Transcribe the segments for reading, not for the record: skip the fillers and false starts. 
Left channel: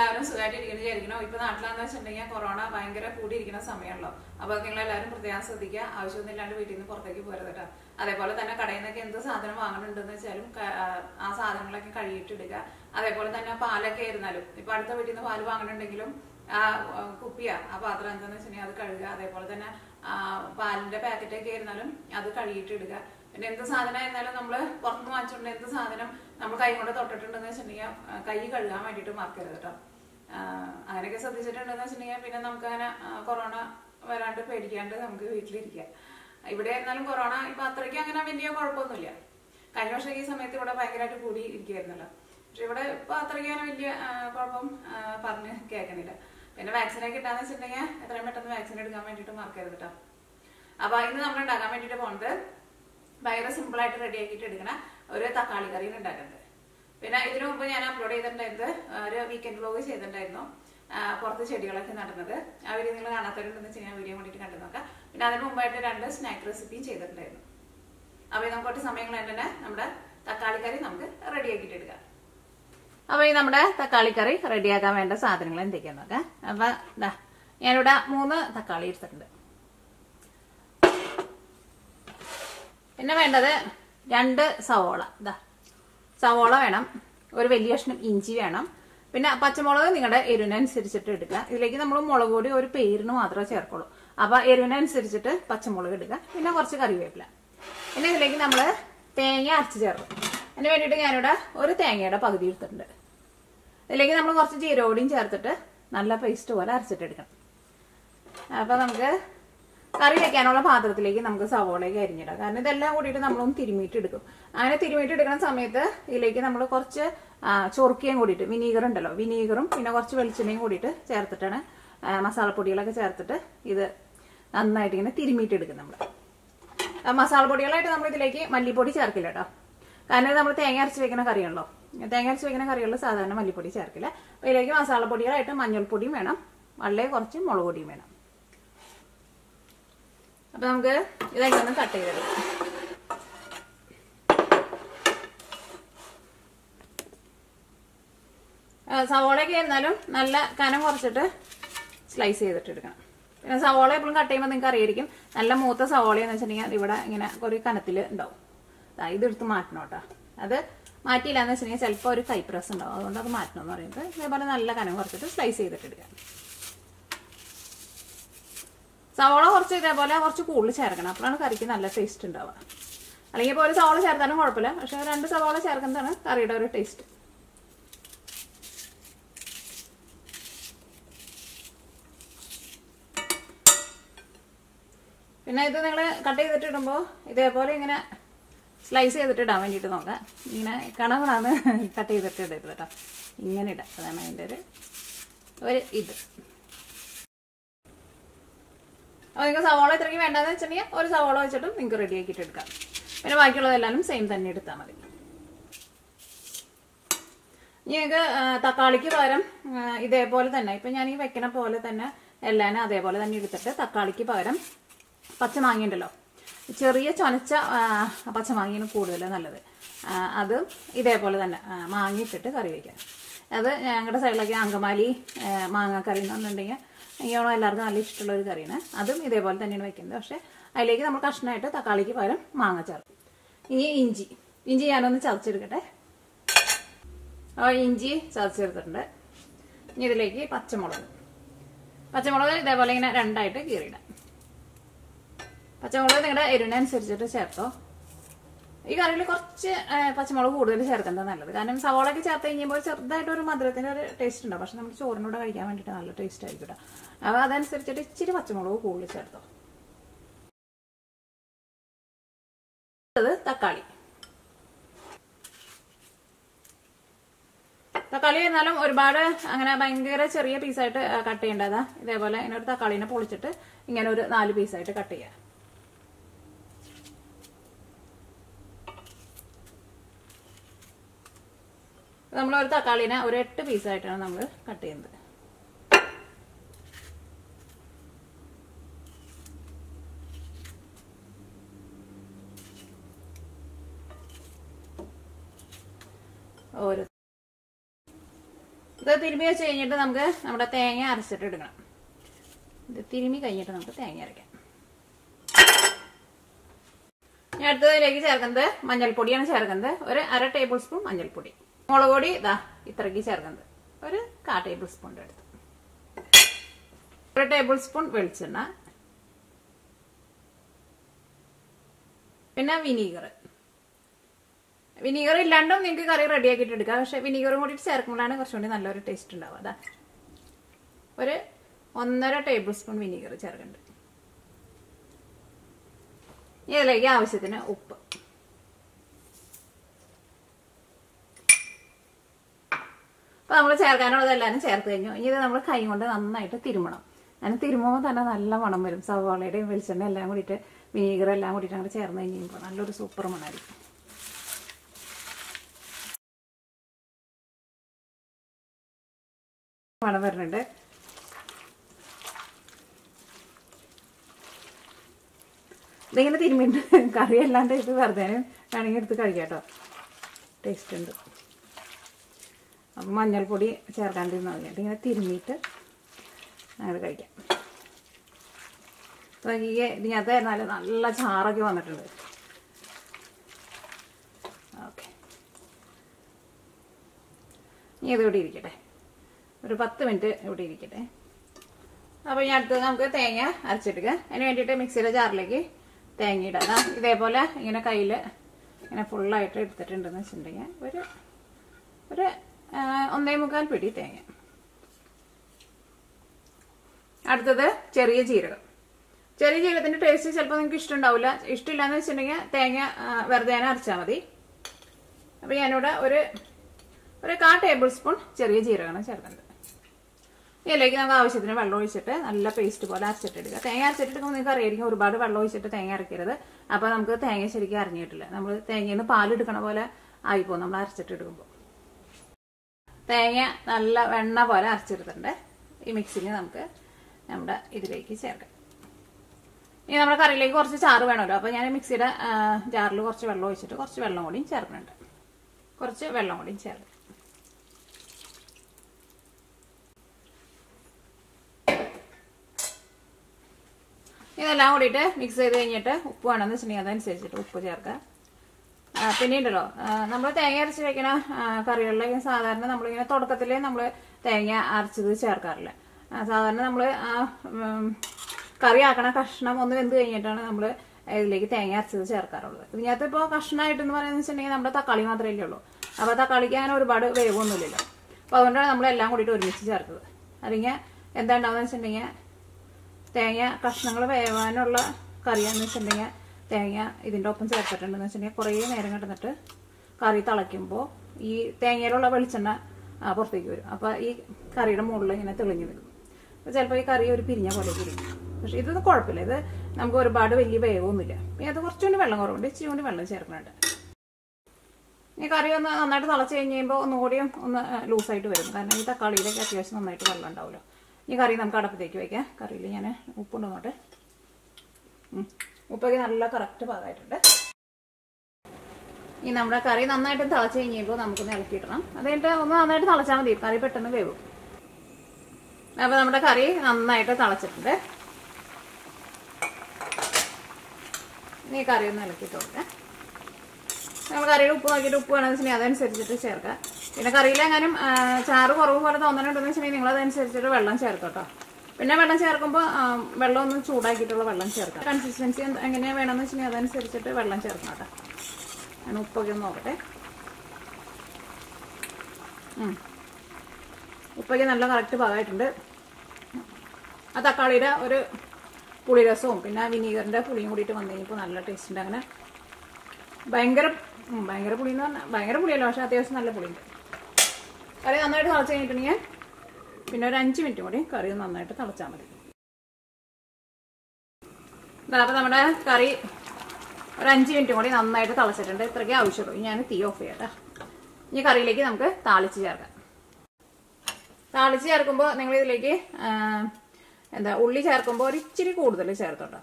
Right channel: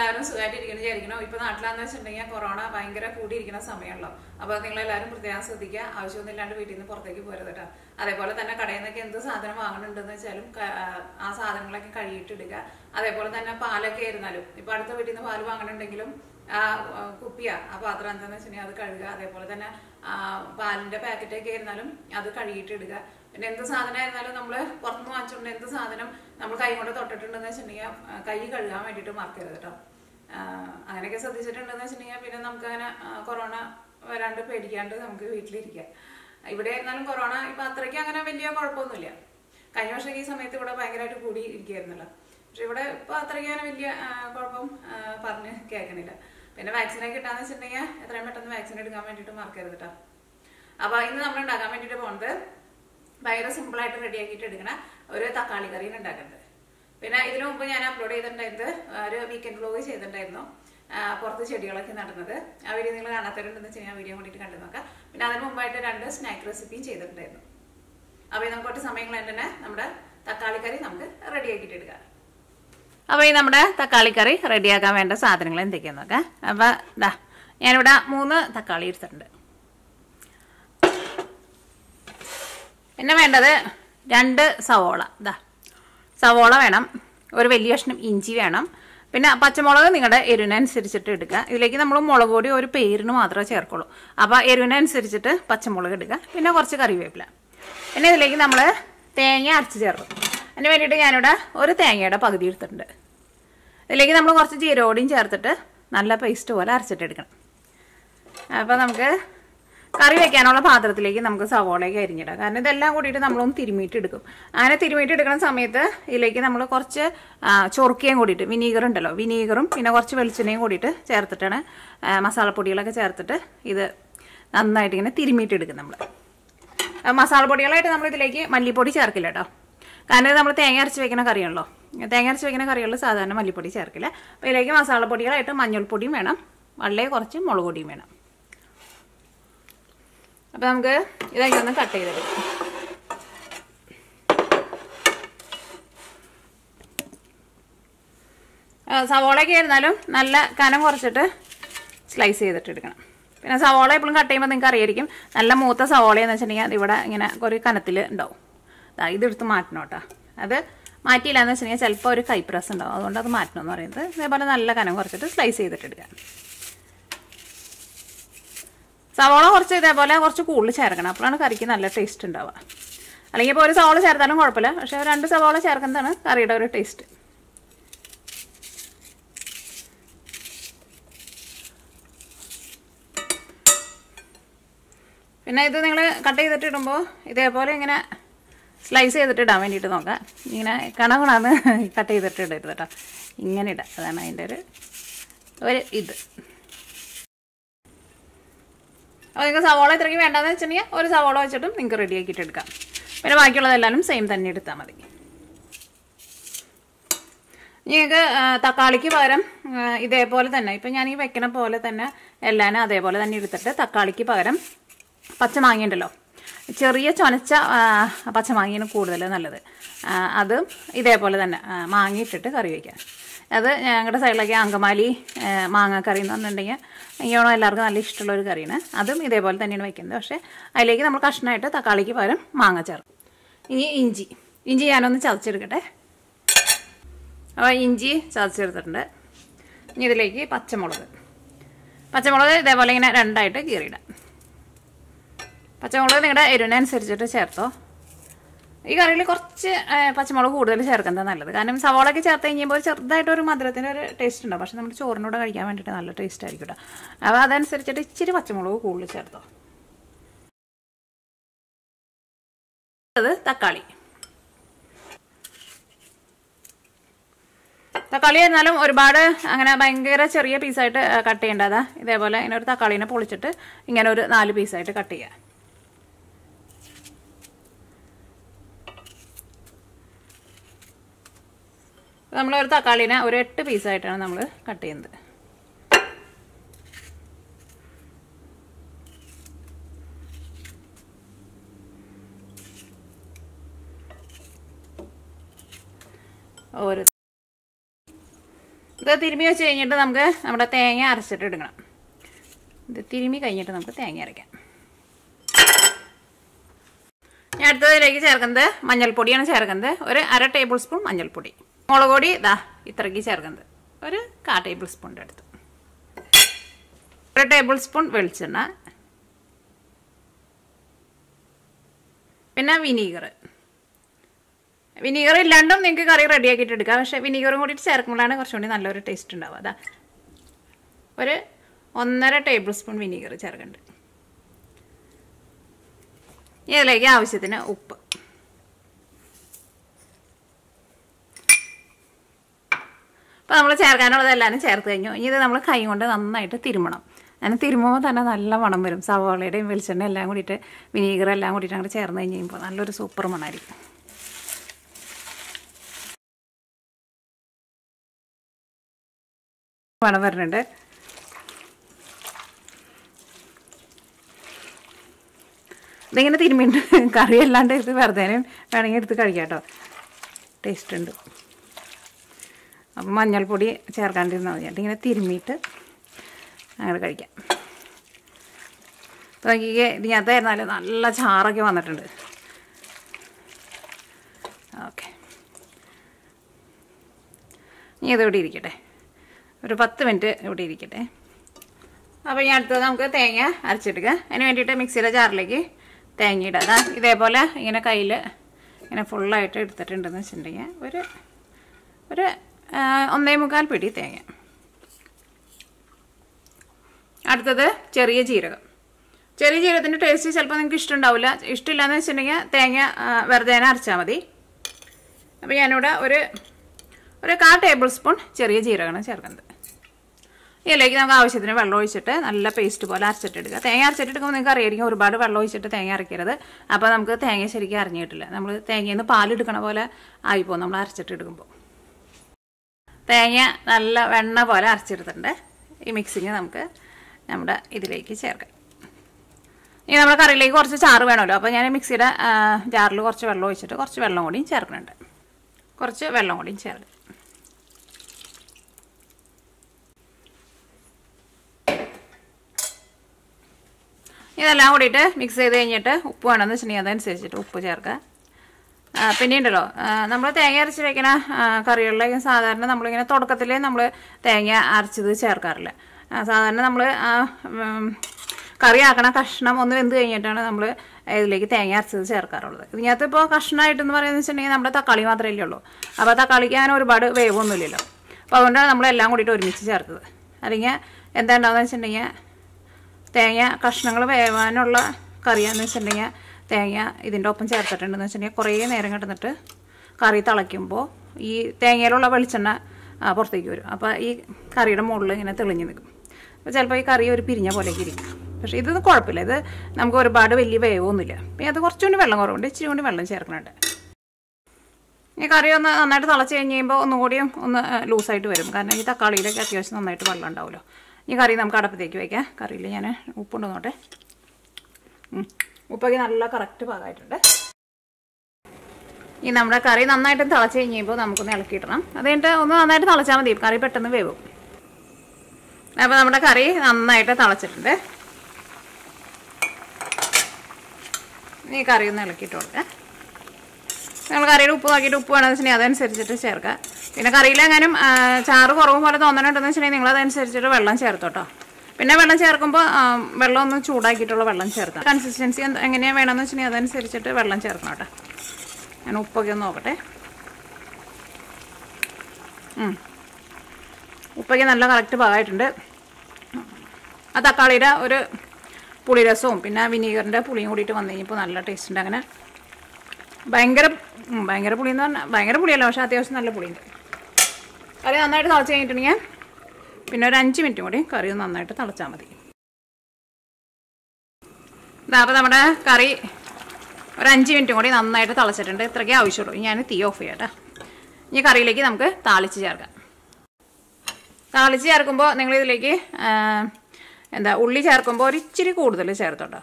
എല്ലാവരും സുഖമായിട്ടിരിക്കണം വിചാരിക്കണം. ഇപ്പൊ നാട്ടിലാന്ന് വെച്ചിട്ടുണ്ടെങ്കിൽ കൊറോണ ഭയങ്കര കൂടിയിരിക്കുന്ന സമയമാണല്ലോ. അപ്പൊ നിങ്ങളെല്ലാവരും പ്രത്യേകം ശ്രദ്ധിക്കുക. ആവശ്യമൊന്നുമില്ലാണ്ട് വീട്ടിൽ നിന്ന് പുറത്തേക്ക് പോരുത് കേട്ടോ. അതേപോലെ തന്നെ കടയിൽ നിന്നൊക്കെ എന്ത് സാധനം വാങ്ങണമെന്ന് വെച്ചാലും ആ സാധനങ്ങളൊക്കെ കഴുകിയിട്ടിടുക. അതേപോലെ തന്നെ പാലൊക്കെ ആയിരുന്നാലും ഇപ്പൊ അടുത്ത വീട്ടിൽ നിന്ന് പാല് വാങ്ങണമെന്നുണ്ടെങ്കിലും ആ കുപ്പിയാ ആ പാത്രം എന്താന്ന് വെച്ചിട്ടുണ്ടെങ്കിൽ അത് കഴുകുക. അതേപോലെ തന്നെ പാലിന്റെ പാക്കറ്റൊക്കെ ആയിരുന്നാലും അത് കഴുകിയിട്ടിടുക. പിന്നെ എന്ത് സാധനമായിരുന്നാലും നമ്മൾ പുറത്തുനിന്ന് വാങ്ങിച്ചുകൊണ്ട് എന്ത് സാധനം നമ്മൾ കൈ കൊണ്ട് തൊട്ടിട്ടുണ്ടെന്ന് വെച്ചിട്ടുണ്ടെങ്കിൽ കൈ കഴുകാൻ വേണ്ടിയിട്ട് മറക്കരുത് കേട്ടോ. അങ്ങനെയൊക്കെ ശ്രദ്ധിച്ചിട്ടുണ്ടെന്ന് വെച്ചിട്ടുണ്ടെങ്കിൽ പിന്നെ നമുക്ക് അങ്ങനെ കൊറോണ വരാണ്ട് പേടിക്കാണ്ട് നമുക്ക് വീട്ടിലിരിക്കാം. ഇവിടെ ആയിരുന്നാലും കൊറോണ ഇപ്പൊ അത്രയ്ക്ക് അങ്ങനെ വലിയ കുഴപ്പമൊന്നുമില്ല. കഴിഞ്ഞ വർഷം ഈ സമയത്ത് ഇവിടെ ഭയങ്കരമായിട്ട് കൂടി ഇരിക്കുകയായിരുന്നല്ലോ. പക്ഷെ ഇവിടെ ഇപ്പൊ അത്രയ്ക്ക് അങ്ങനെ വലിയ കുഴപ്പം പറഞ്ഞ് കേൾക്കണില്ല. പിന്നെ വാക്സിനൊക്കെ കിട്ടാന്ന് വെച്ചിട്ടുണ്ടെങ്കിൽ എത്രയും പെട്ടെന്ന് വാക്സിൻ എടുക്കാൻ വേണ്ടിയിട്ട് മറക്കരുത് കേട്ടോ. അപ്പൊ ഇന്ന് നമ്മൾ ഉണ്ടാക്കാൻ വേണ്ടിയിട്ട് പോകുന്നത് ഭയങ്കര സിമ്പിൾ ആയിട്ട് റെഡിയാക്കിയിട്ട് എടുക്കണ ഒരു തക്കാളി കറിയാണ് ഉണ്ടാക്കുന്നത്. പിന്നെ ഇതിനു മുമ്പ് ഞാൻ അപ്ലോഡ് ചെയ്തിട്ടുണ്ടായിരുന്നത് ഒരു വീക്കെൻഡ് വ്ലോഗ് ചെയ്തിട്ടുണ്ടായിരുന്നു. പുറത്ത് ചെടികളൊക്കെ നടുന്നത്. ആ വീഡിയോ നിങ്ങൾ കാണാത്തവരുണ്ടെന്ന് വെച്ചാൽ ഞാൻ വീഡിയോ കൂടിയിട്ട് കണ്ടു നോക്കാം. പിന്നെ അതിന് മുമ്പായിട്ട് 2 സ്നാക്ക് റെസിപ്പിയും ചെയ്തിട്ടുണ്ടായിരുന്നു. അപ്പൊ നമുക്ക് കുറച്ച് സമയങ്ങൾ തന്നെ നമ്മുടെ തക്കാളി കറി നമുക്ക് റെഡിയാക്കിയിട്ട് എടുക്കാം. അപ്പൊ ഈ നമ്മുടെ തക്കാളി കറി റെഡിയാക്കാൻ വേണ്ട സാധനങ്ങൾ എന്തൊക്കെയാന്ന് നോക്കാം. അപ്പൊ ഞാനിവിടെ 3 തക്കാളി എടുത്തിട്ടുണ്ട്. പിന്നെ വേണ്ടത് 2 സവോള. സവോള വേണം. ഒരു വലിയ കഷ്ണം ഇഞ്ചി വേണം. പിന്നെ പച്ചമുളക് നിങ്ങളുടെ എരിവിനനുസരിച്ചിട്ട് എടുക്കുക. ഇതിലേക്ക് നമ്മൾ മുളക് പൊടി ഒരു പേരിന് മാത്രമേ ചേർക്കുള്ളൂ. അപ്പൊ എരിവിനനുസരിച്ചിട്ട് പച്ചമുളക് എടുക്കുക. പിന്നെ കുറച്ച് കറിവേപ്പില. പിന്നെ ഇതിലേക്ക് നമ്മൾ തേങ്ങ അരച്ച് ചേർക്കും. അതിന് വേണ്ടിയിട്ട് ഞാനിവിടെ ഒരു തേങ്ങയുടെ പകുതി എടുത്തിട്ടുണ്ട്. ഇതിലേക്ക് നമ്മൾ കുറച്ച് ജീരകപ്പൊടിയും ചേർത്തിട്ട് നല്ല പേസ്റ്റ് പോലെ അരച്ചിട്ടെടുക്കണം. അപ്പൊ നമുക്ക് കറി വെക്കാനുള്ള പാത്രത്തിലേക്ക് നമുക്ക് സവോളയൊക്കെ അരിഞ്ഞിടാം. കാരണം ഇതെല്ലാം കൂടിയിട്ട് നമ്മളൊന്ന് തിരുമിയിട്ട് എടുക്കും. അങ്ങനെ തിരുമിയിട്ട് എടുക്കുന്ന സമയത്ത് ഇതിലേക്ക് നമ്മൾ കുറച്ച് ചൊറുക്കയും കൂടിയിട്ട് വിനീഗർ ഉണ്ടല്ലോ, വിനീഗറും പിന്നെ കുറച്ച് വെളിച്ചെണ്ണയും കൂടിയിട്ട് ചേർത്തിട്ടാണ് മസാലപ്പൊടികളൊക്കെ ചേർത്തിട്ട് ഇത് നന്നായിട്ട് ഇങ്ങനെ തിരുമിയിട്ട് എടുക്കും. നമ്മൾ മസാലപ്പൊടികളായിട്ട് നമ്മൾ ഇതിലേക്ക് മല്ലിപ്പൊടി ചേർക്കില്ല കേട്ടോ. കാരണം നമ്മൾ തേങ്ങ അരച്ച് വെക്കുന്ന കറിയാണല്ലോ. തേങ്ങ അരച്ച് വെക്കുന്ന കറികളിൽ സാധാരണ മല്ലിപ്പൊടി ചേർക്കില്ല. അപ്പോൾ ഇതിലേക്ക് മസാലപ്പൊടികളായിട്ട് മഞ്ഞൾപ്പൊടിയും വേണം, വളരെ കുറച്ച് മുളക് പൊടിയും വേണം. അപ്പൊ നമുക്ക് ഇതൊക്കെ ഒന്ന് കട്ട് ചെയ്തെടുക്കാം. സവോളയൊക്കെ ആയിരുന്നാലും നല്ല കനം കുറച്ചിട്ട് സ്ലൈസ് ചെയ്തിട്ട് എടുക്കണം. പിന്നെ സവോള എപ്പോഴും കട്ട് ചെയ്യുമ്പോൾ നിങ്ങൾക്ക് അറിയായിരിക്കും, നല്ല മൂത്ത സവോളയെന്ന് വെച്ചിട്ടുണ്ടെങ്കിൽ ഇവിടെ ഇങ്ങനെ ഒരു കനത്തിൽ ഉണ്ടാവും. ഇതെടുത്ത് മാറ്റണം കേട്ടോ. അത് മാറ്റിയില്ല എന്ന് വെച്ചിട്ടുണ്ടെങ്കിൽ ചിലപ്പോൾ ഒരു കൈപ്രസ് ഉണ്ടാവും. അതുകൊണ്ട് അത് മാറ്റണം എന്ന് പറയുന്നത്. ഇതേപോലെ നല്ല കനം കുറച്ചിട്ട് സ്ലൈസ് ചെയ്തിട്ട് എടുക്കാം. സവോള കുറച്ച് ഇതേപോലെ കുറച്ച് കൂടുതൽ ചേർക്കണം. അപ്പോഴാണ് കറിക്ക് നല്ല ടേസ്റ്റ് ഉണ്ടാവുക. അല്ലെങ്കിൽ ഇപ്പോൾ ഒരു സവോള ചേർത്താലും കുഴപ്പമില്ല. പക്ഷെ 2 സവോള ചേർക്കുന്നതാണ് കറിയുടെ ഒരു ടേസ്റ്റ്. പിന്നെ ഇത് നിങ്ങൾ കട്ട് ചെയ്തിട്ട് ഇടുമ്പോൾ ഇതേപോലെ ഇങ്ങനെ സ്ലൈസ് ചെയ്തിട്ട് ഇടാൻ വേണ്ടിയിട്ട് നോക്കാം. ഇങ്ങനെ കണകളാണ് കട്ട് ചെയ്തിട്ട് ഇടരുത് കേട്ടോ. ഇങ്ങനെ ഇടാം. അതാണ് അതിൻ്റെ ഒരു ഇത്. അപ്പോൾ നിങ്ങൾക്ക് സവോള ഇത്രയ്ക്ക് വേണ്ടതെന്ന് വെച്ചിട്ടുണ്ടെങ്കിൽ ഒരു സവോള വെച്ചിട്ടും നിങ്ങൾക്ക് റെഡി ആക്കിയിട്ട് എടുക്കാം. പിന്നെ ബാക്കിയുള്ളതെല്ലാവരും സെയിം തന്നെ എടുത്താൽ മതി. നിങ്ങൾക്ക് തക്കാളിക്ക് പകരം ഇതേപോലെ തന്നെ ഇപ്പം ഞാൻ ഈ വെക്കണ പോലെ തന്നെ എല്ലാവരും അതേപോലെ തന്നെ എടുത്തിട്ട് തക്കാളിക്ക് പകരം പച്ചമാങ്ങ ഉണ്ടല്ലോ, ചെറിയ ചൊനച്ച പച്ചമാങ്ങയാണ് കൂടുതൽ നല്ലത്. അത് ഇതേപോലെ തന്നെ മാങ്ങ ഇട്ടിട്ട് കറി വയ്ക്കാം. അത് ഞങ്ങളുടെ സൈഡിലൊക്കെ അങ്കമാലി മാങ്ങക്കറി എന്ന് പറഞ്ഞിട്ടുണ്ടെങ്കിൽ എനിക്കോണം എല്ലാവർക്കും നല്ല ഇഷ്ടമുള്ള ഒരു കറിയാണ്. അതും ഇതേപോലെ തന്നെയാണ് വയ്ക്കുന്നത്. പക്ഷേ അതിലേക്ക് നമ്മൾ കഷ്ണമായിട്ട് തക്കാളിക്ക് പകരം മാങ്ങ ചേർക്കും. ഇനി ഇഞ്ചി ഞാനൊന്ന് ചതച്ചെടുക്കട്ടെ. അപ്പോൾ ഇഞ്ചി ചതച്ചെടുത്തിട്ടുണ്ട്. ഇനി ഇതിലേക്ക് പച്ചമുളക് ഇതേപോലെ ഇങ്ങനെ 2ആയിട്ട് കീറിയിടാം. പച്ചമുളക് നിങ്ങളുടെ എരിവിനനുസരിച്ചിട്ട് ചേർത്തോ. ഈ കറിയിൽ കുറച്ച് പച്ചമുളക് കൂടുതൽ ചേർക്കുന്നത് നല്ലത്. കാരണം സവോളയൊക്കെ ചേർത്ത് കഴിയുമ്പോൾ ചെറുതായിട്ടൊരു മധുരത്തിൻ്റെ ഒരു ടേസ്റ്റ് ഉണ്ടാവും. പക്ഷെ നമ്മുടെ ചോറിനോട് കഴിക്കാൻ വേണ്ടിയിട്ട് നല്ല ടേസ്റ്റ് ആയിരിക്കും കേട്ടോ. അപ്പോൾ അതനുസരിച്ചിട്ട് ഇച്ചിരി പച്ചമുളക് കൂടുതൽ ചേർത്തോ. അത് തക്കാളി എന്നാലും ഒരുപാട് അങ്ങനെ ഭയങ്കര ചെറിയ പീസായിട്ട് കട്ട് ചെയ്യേണ്ടതാ. ഇതേപോലെ ഇങ്ങനെ ഒരു തക്കാളീനെ പൊളിച്ചിട്ട് ഇങ്ങനെ ഒരു 4 പീസായിട്ട് കട്ട് ചെയ്യുക. നമ്മളൊരു തക്കാളീനെ ഒരു 8 പീസായിട്ടാണ് നമ്മൾ കട്ട് ചെയ്യുന്നത്. ഒരു ഇത് തിരുമ്മി വെച്ച് കഴിഞ്ഞിട്ട് നമുക്ക് നമ്മുടെ തേങ്ങ അരച്ചിട്ട് എടുക്കണം. ഇത് തിരുമ്മി കഴിഞ്ഞിട്ട് നമുക്ക് തേങ്ങ അരയ്ക്കാം. ഞാൻ അടുത്തതിലേക്ക് ചേർക്കുന്നത് മഞ്ഞൾപ്പൊടിയാണ് ചേർക്കുന്നത്. ഒരു 1/2 ടേബിൾ സ്പൂൺ മഞ്ഞൾപ്പൊടി. മുളക് പൊടി ഇതാ ഇത്രയ്ക്ക് ചേർക്കുന്നത്. ഒരു 1/4 ടേബിൾ സ്പൂണിൻ്റെ അടുത്ത്. 1 ടേബിൾ സ്പൂൺ വെളിച്ചെണ്ണ. പിന്നെ വിനീഗർ. വിനീഗർ ഇല്ലാണ്ടും നിങ്ങൾക്ക് കറി റെഡിയാക്കിയിട്ട് എടുക്കാം. പക്ഷേ വിനീഗറും കൂടിയിട്ട് ചേർക്കുമ്പോഴാണ് കുറച്ചുകൂടി നല്ലൊരു ടേസ്റ്റ് ഉണ്ടാവുക. അതാ ഒരു 1.5 ടേബിൾ സ്പൂൺ വിനീഗർ ചേർക്കുന്നുണ്ട്. ഇതിലേക്ക് ആവശ്യത്തിന് ഉപ്പ്. അപ്പോൾ നമ്മൾ ചേർക്കാനുള്ളതെല്ലാവരും ചേർത്ത് കഴിഞ്ഞു. ഇനി ഇത് നമ്മൾ കൈ കൊണ്ട് നന്നായിട്ട് തിരുമണം. അങ്ങനെ തിരുമുമ്പോൾ തന്നെ നല്ല മണം വരും. സവാളയുടെയും വെളിച്ചെണ്ണ എല്ലാം കൂടിയിട്ട് വിനീഗർ എല്ലാം കൂടിയിട്ട് അങ്ങോട്ട് ചേർന്ന് കഴിയുമ്പോൾ നല്ലൊരു സൂപ്പർ മണമായിരിക്കും. മണം വരുന്നുണ്ട്. ഇതിങ്ങനെ തിരുമ്മിണ്ട് കറി അല്ലാണ്ട് എടുത്ത് വെറുതെ വേണമെങ്കിൽ എടുത്ത് കഴിക്കാം കേട്ടോ. ടേസ്റ്റ് ഉണ്ട്. അപ്പം മഞ്ഞൾപ്പൊടി ചേർക്കാണ്ടിരുന്നാൽ മതി. ഇങ്ങനെ തിരുമ്മിയിട്ട് അങ്ങനെ കഴിക്കാം. നോക്കിക്കേ, ഇതിനകത്തായിരുന്നാലും നല്ല ചാറൊക്കെ വന്നിട്ടുണ്ട്. ഓക്കെ, ഇനി ഇത് ഇവിടെ ഇരിക്കട്ടെ. ഒരു 10 മിനിറ്റ് ഇവിടെ ഇരിക്കട്ടെ. അപ്പോൾ ഇനി അടുത്തത് നമുക്ക് തേങ്ങ അരച്ചെടുക്കുക. അതിന് വേണ്ടിയിട്ട് മിക്സിയുടെ ജാറിലേക്ക് തേങ്ങ ഇടുക. ഇതേപോലെ ഇങ്ങനെ കയ്യിൽ ഇങ്ങനെ ഫുള്ളായിട്ട് എടുത്തിട്ടുണ്ടെന്ന് വെച്ചിട്ടുണ്ടെങ്കിൽ ഒരു 1.25 പിടി തേങ്ങ. അടുത്തത് ചെറിയ ജീരകം. ചെറിയ ജീരകത്തിൻ്റെ ടേസ്റ്റ് ചിലപ്പോൾ നിങ്ങൾക്ക് ഇഷ്ടമുണ്ടാവില്ല. ഇഷ്ടമില്ലാന്ന് വെച്ചിട്ടുണ്ടെങ്കിൽ തേങ്ങ വെറുതെ അരച്ചാൽ മതി. അപ്പോൾ ഞാനിവിടെ ഒരു 1/4 ടേബിൾ സ്പൂൺ ചെറിയ ജീരകമാണ് ചേർക്കുന്നത്. ഇതിലേക്ക് നമുക്ക് ആവശ്യത്തിന് വെള്ളം ഒഴിച്ചിട്ട് നല്ല പേസ്റ്റ് പോലെ അരച്ചിട്ടെടുക്കുക. തേങ്ങ അരച്ചിട്ടെടുക്കുമ്പോൾ നിങ്ങൾക്ക് അറിയായിരിക്കും ഒരുപാട് വെള്ളം ഒഴിച്ചിട്ട് തേങ്ങ അരയ്ക്കരുത്. അപ്പോൾ നമുക്ക് തേങ്ങ ശരിക്കും അരഞ്ഞു കിട്ടില്ല. നമ്മൾ തേങ്ങയിൽ നിന്ന് പാലെടുക്കണ പോലെ ആയിപ്പോകും നമ്മൾ അരച്ചിട്ടെടുക്കുമ്പോൾ. തേങ്ങ നല്ല വെണ്ണ പോലെ അരച്ചെടുത്തിട്ടുണ്ട്. ഈ മിക്സിങ് നമുക്ക് നമ്മുടെ ഇതിലേക്ക് ചേർക്കാം. ഇനി നമ്മുടെ കറിയിലേക്ക് കുറച്ച് ചാറ് വേണമല്ലോ. അപ്പോൾ ഞാൻ മിക്സിയുടെ ജാറിൽ കുറച്ച് വെള്ളം ഒഴിച്ചിട്ട് കുറച്ച് വെള്ളം കൂടിയും ചേർക്കുന്നുണ്ട്. കുറച്ച് വെള്ളം കൂടിയും ചേർക്കും. ഇതെല്ലാം കൂടിയിട്ട് മിക്സ് ചെയ്ത് കഴിഞ്ഞിട്ട് ഉപ്പ് വേണമെന്ന് വെച്ചിട്ടുണ്ടെങ്കിൽ അതനുസരിച്ചിട്ട് ഉപ്പ് ചേർക്കുക. പിന്നെ ഉണ്ടല്ലോ, നമ്മൾ തേങ്ങ അരച്ച് വയ്ക്കുന്ന കറികളിലേക്ക് സാധാരണ നമ്മളിങ്ങനെ തുടക്കത്തിൽ നമ്മൾ തേങ്ങ അരച്ചത് ചേർക്കാറില്ല. സാധാരണ നമ്മൾ കറി ആക്കണ കഷ്ണം ഒന്ന് വെന്ത് കഴിഞ്ഞിട്ടാണ് നമ്മൾ ഇതിലേക്ക് തേങ്ങ അരച്ചത് ചേർക്കാറുള്ളത്. ഇതിനകത്ത് ഇപ്പോൾ കഷ്ണമായിട്ടെന്ന് പറയുന്നത് വെച്ചിട്ടുണ്ടെങ്കിൽ നമ്മുടെ തക്കാളി മാത്രമേ ഉള്ളൂ. അപ്പോൾ തക്കാളിക്ക് അങ്ങനെ ഒരുപാട് വേവൊന്നുമില്ലല്ലോ. അപ്പോൾ അതുകൊണ്ടാണ് നമ്മളെല്ലാം കൂടിയിട്ട് ഒരുമിച്ച് ചേർത്തത്. അല്ലെങ്കിൽ എന്താ ഉണ്ടാവുക വെച്ചിട്ടുണ്ടെങ്കിൽ തേങ്ങ കഷ്ണങ്ങൾ വേവാനുള്ള കറിയാണെന്ന് വെച്ചിട്ടുണ്ടെങ്കിൽ തേങ്ങ ഇതിൻ്റെ ഒപ്പം ചേർത്തിട്ടുണ്ടെന്ന് വെച്ചിട്ടുണ്ടെങ്കിൽ കുറേ നേരം കിടന്നിട്ട് കറി തിളയ്ക്കുമ്പോൾ ഈ തേങ്ങയിലുള്ള വെളിച്ചെണ്ണ പുറത്തേക്ക് വരും. അപ്പോൾ ഈ കറിയുടെ മുകളിൽ ഇങ്ങനെ തെളിഞ്ഞ് നിൽക്കും. അപ്പോൾ ചിലപ്പോൾ ഈ കറി ഒരു പിരിഞ്ഞ പോലെയൊക്കെ ഇരിക്കും. പക്ഷേ ഇതൊന്നും കുഴപ്പമില്ല. ഇത് നമുക്ക് ഒരുപാട് വലിയ വേവൊന്നുമില്ല. പിന്നെ അത് കുറച്ചുകൂടി വെള്ളം കുറവുണ്ട്. ഇച്ചിരി കൂടി വെള്ളം ചേർക്കുന്നുണ്ട്. ഈ കറി ഒന്ന് നന്നായിട്ട് തിളച്ച് കഴിഞ്ഞ് കഴിയുമ്പോൾ ഒന്നുകൂടിയും ഒന്ന് ലൂസായിട്ട് വരും. കാരണം ഈ തക്കാളിയിലൊക്കെ അത്യാവശ്യം നന്നായിട്ട് വെള്ളം ഉണ്ടാവുമല്ലോ. ഈ കറി നമുക്ക് അടപ്പത്തേക്ക് വയ്ക്കാം. കറിയിൽ ഞാൻ ഉപ്പുണ്ട് നോട്ടെ. ഉപ്പൊക്കെ നല്ല കറക്റ്റ് പാകമായിട്ടുണ്ട്. ഈ നമ്മുടെ കറി നന്നായിട്ട് തിളച്ച് കഴിഞ്ഞപ്പോൾ നമുക്കൊന്ന് ഇളക്കിയിടണം. അത് കഴിഞ്ഞിട്ട് ഒന്ന് നന്നായിട്ട് തിളച്ചാൽ മതി. കറി പെട്ടെന്ന് വേവും. അപ്പോൾ നമ്മുടെ കറി നന്നായിട്ട് തിളച്ചിട്ടുണ്ട്. ഈ കറി ഒന്ന് ഇളക്കിയിട്ട് കൊടുക്കാം. നമ്മൾ കറിയുടെ ഉപ്പ് നോക്കിയിട്ട് ഉപ്പ് വേണമെന്ന് വെച്ചിട്ടുണ്ടെങ്കിൽ അതനുസരിച്ചിട്ട് ചേർക്കുക. പിന്നെ കറിയിലെങ്ങാനും ചാറ് കുറവ് പോലെ തോന്നണുണ്ടെന്ന് വെച്ചിട്ടുണ്ടെങ്കിൽ നിങ്ങളതനുസരിച്ചിട്ട് വെള്ളം ചേർത്തോട്ടോ. പിന്നെ വെള്ളം ചേർക്കുമ്പോൾ വെള്ളം ഒന്ന് ചൂടാക്കിയിട്ടുള്ള വെള്ളം ചേർക്കാം. കൺസിസ്റ്റൻസി എങ്ങനെയാണ് വേണമെന്ന് വെച്ചിട്ടുണ്ടെങ്കിൽ അതനുസരിച്ചിട്ട് വെള്ളം ചേർക്കണം കേട്ടോ. ഞാൻ ഉപ്പൊക്കെ ഒന്ന് നോക്കട്ടെ. ഉപ്പൊക്കെ നല്ല കറക്റ്റ് പാകമായിട്ടുണ്ട്. ആ തക്കാളിയുടെ ഒരു പുളിരസവും പിന്നെ വിനീഗറിൻ്റെ പുളിയും കൂടിയിട്ട് വന്നു കഴിഞ്ഞപ്പോൾ നല്ല ടേസ്റ്റ് ഉണ്ട്. അങ്ങനെ ഭയങ്കര പുളിയെന്ന് പറഞ്ഞാൽ ഭയങ്കര പുളിയല്ല, പക്ഷേ അത്യാവശ്യം നല്ല പുളിയുണ്ട്. കറി നന്നായിട്ട് തിളച്ച് കഴിഞ്ഞിട്ടുണ്ടെങ്കിൽ പിന്നെ ഒരു 5 മിനിറ്റും കൂടി കറി നന്നായിട്ട് തിളച്ചാൽ മതി. അപ്പോൾ നമ്മുടെ കറി ഒരു 5 മിനിറ്റും കൂടി നന്നായിട്ട് തിളച്ചിട്ടുണ്ട്. ഇത്രയ്ക്ക് ആവശ്യമുള്ളൂ. ഞാൻ തീ ഓഫ് ചെയ്യാം കേട്ടോ. ഇനി കറിയിലേക്ക് നമുക്ക് താളിച്ച് ചേർക്കാം. താളിച്ച് ചേർക്കുമ്പോൾ നിങ്ങളിതിലേക്ക് ഉള്ളി ചേർക്കുമ്പോൾ ഒരു ഇച്ചിരി കൂടുതൽ ചേർത്തോട്ടോ.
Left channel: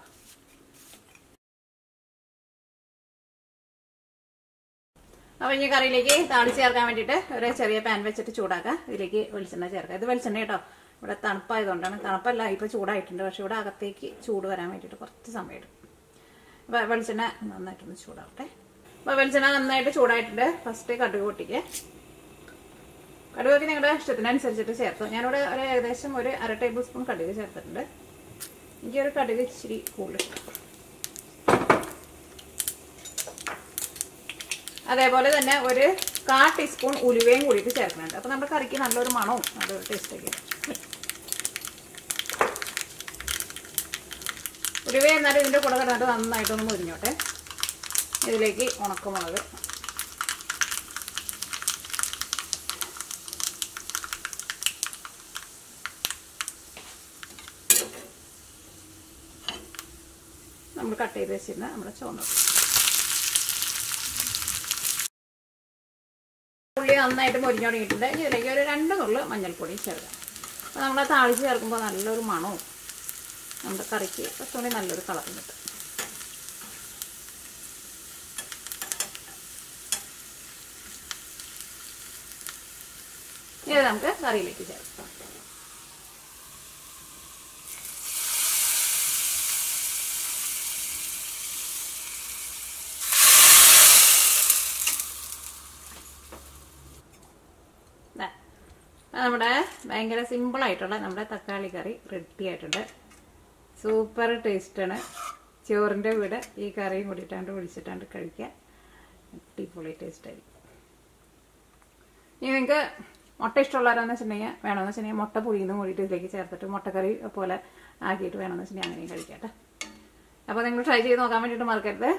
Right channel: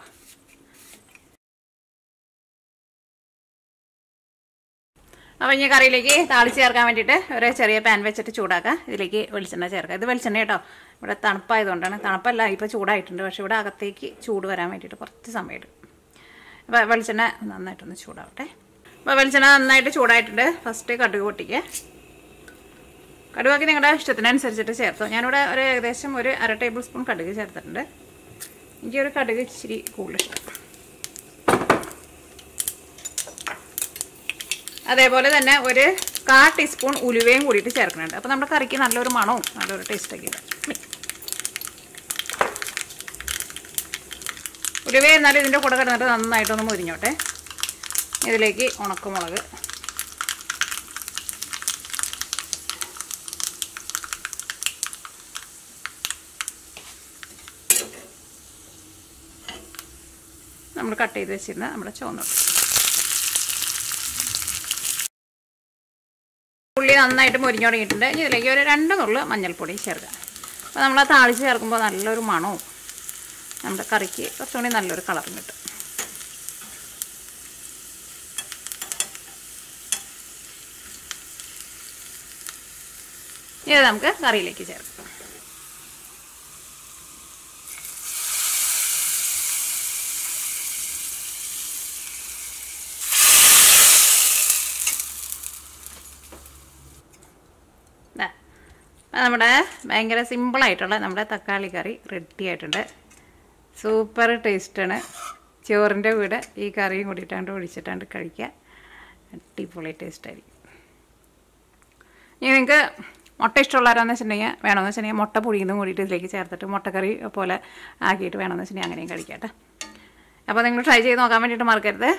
അപ്പോൾ ഇനി കറിയിലേക്ക് താളിച്ച് ചേർക്കാൻ വേണ്ടിയിട്ട് ഒരു ചെറിയ പാൻ വെച്ചിട്ട് ചൂടാക്കുക. ഇതിലേക്ക് വെളിച്ചെണ്ണ ചേർക്കുക. ഇത് വെളിച്ചെണ്ണ കേട്ടോ, ഇവിടെ തണുപ്പായതുകൊണ്ടാണ്. തണുപ്പല്ല, ഇപ്പോൾ ചൂടായിട്ടുണ്ട്, പക്ഷേ ഇവിടെ അകത്തേക്ക് ചൂട് വരാൻ വേണ്ടിയിട്ട് കുറച്ച് സമയം എടുക്കും. അപ്പോൾ വെളിച്ചെണ്ണ നന്നായിട്ടൊന്ന് ചൂടാവട്ടെ. അപ്പോൾ വെളിച്ചെണ്ണ നന്നായിട്ട് ചൂടായിട്ടുണ്ട്. ഫസ്റ്റ് കടുക് പൊട്ടിക്കുക. കടുകൊക്കെ നിങ്ങളുടെ ഇഷ്ടത്തിനനുസരിച്ചിട്ട് ചേർത്തു. ഞാനിവിടെ ഒരു ഏകദേശം ഒരു 1/2 ടേബിൾ സ്പൂൺ കടുക് ചേർത്തിട്ടുണ്ട്. എനിക്കൊരു കടുക് ഇച്ചിരി കൂടുതൽ ഇഷ്ടം. അതേപോലെ തന്നെ ഒരു 1/4 ടീസ്പൂൺ ഉലുവയും കൂടിയിട്ട് ചേർക്കുന്നുണ്ട്. അപ്പോൾ നമ്മുടെ കറിക്ക് നല്ലൊരു മണവും നല്ലൊരു ടേസ്റ്റൊക്കെ ഇല്ല. ഉലുവ എന്നാലും ഇതിൻ്റെ കൂടെ കിടന്നിട്ട് നന്നായിട്ടൊന്ന് മുരിഞ്ഞോട്ടെ. ഇതിലേക്ക് ഉണക്കമുളക്, നമ്മൾ കട്ട് ചെയ്ത് വെച്ചിരുന്ന നമ്മുടെ ചുവന്ന ഉള്ളി നന്നായിട്ട് മുരിഞ്ഞു തുടങ്ങിയിട്ടുണ്ട്. ഇതിലേക്ക് ഒരു 2 നുള്ള് മഞ്ഞൾപ്പൊടി ചേർക്കാം. അപ്പോൾ നമ്മൾ താളിച്ച് ചേർക്കുമ്പോൾ നല്ലൊരു മണവും നമ്മുടെ കറിക്ക് കുറച്ചുകൂടി നല്ലൊരു കളറും കിട്ടും. ഇത് നമുക്ക് കറിയിലേക്ക് ചേർക്കാം. നമ്മുടെ ഭയങ്കര സിമ്പിളായിട്ടുള്ള നമ്മുടെ തക്കാളി കറി റെഡി ആയിട്ടുണ്ട്. സൂപ്പർ ടേസ്റ്റാണ്. ചോറിൻ്റെ കൂടെ ഈ കറിയും കൂടിയിട്ടാണ്ട് ഒഴിച്ചിട്ടാണ്ട് കഴിക്കുക. അടിപൊളി ടേസ്റ്റായിരിക്കും. ഇനി നിങ്ങൾക്ക് മുട്ട ഇഷ്ടമുള്ളവരാണെന്ന് വെച്ചിട്ടുണ്ടെങ്കിൽ വേണമെന്ന് വെച്ചിട്ടുണ്ടെങ്കിൽ മുട്ട പുഴിയുന്നതും കൂടിയിട്ട് ഇതിലേക്ക് ചേർത്തിട്ട് മുട്ടക്കറി പോലെ ആക്കിയിട്ട് വേണമെന്ന് വെച്ചിട്ടുണ്ടെങ്കിൽ അങ്ങനെയും കഴിക്കാം കേട്ടോ. അപ്പോൾ നിങ്ങൾ ട്രൈ ചെയ്ത് നോക്കാൻ വേണ്ടിയിട്ട് മറക്കരുത്.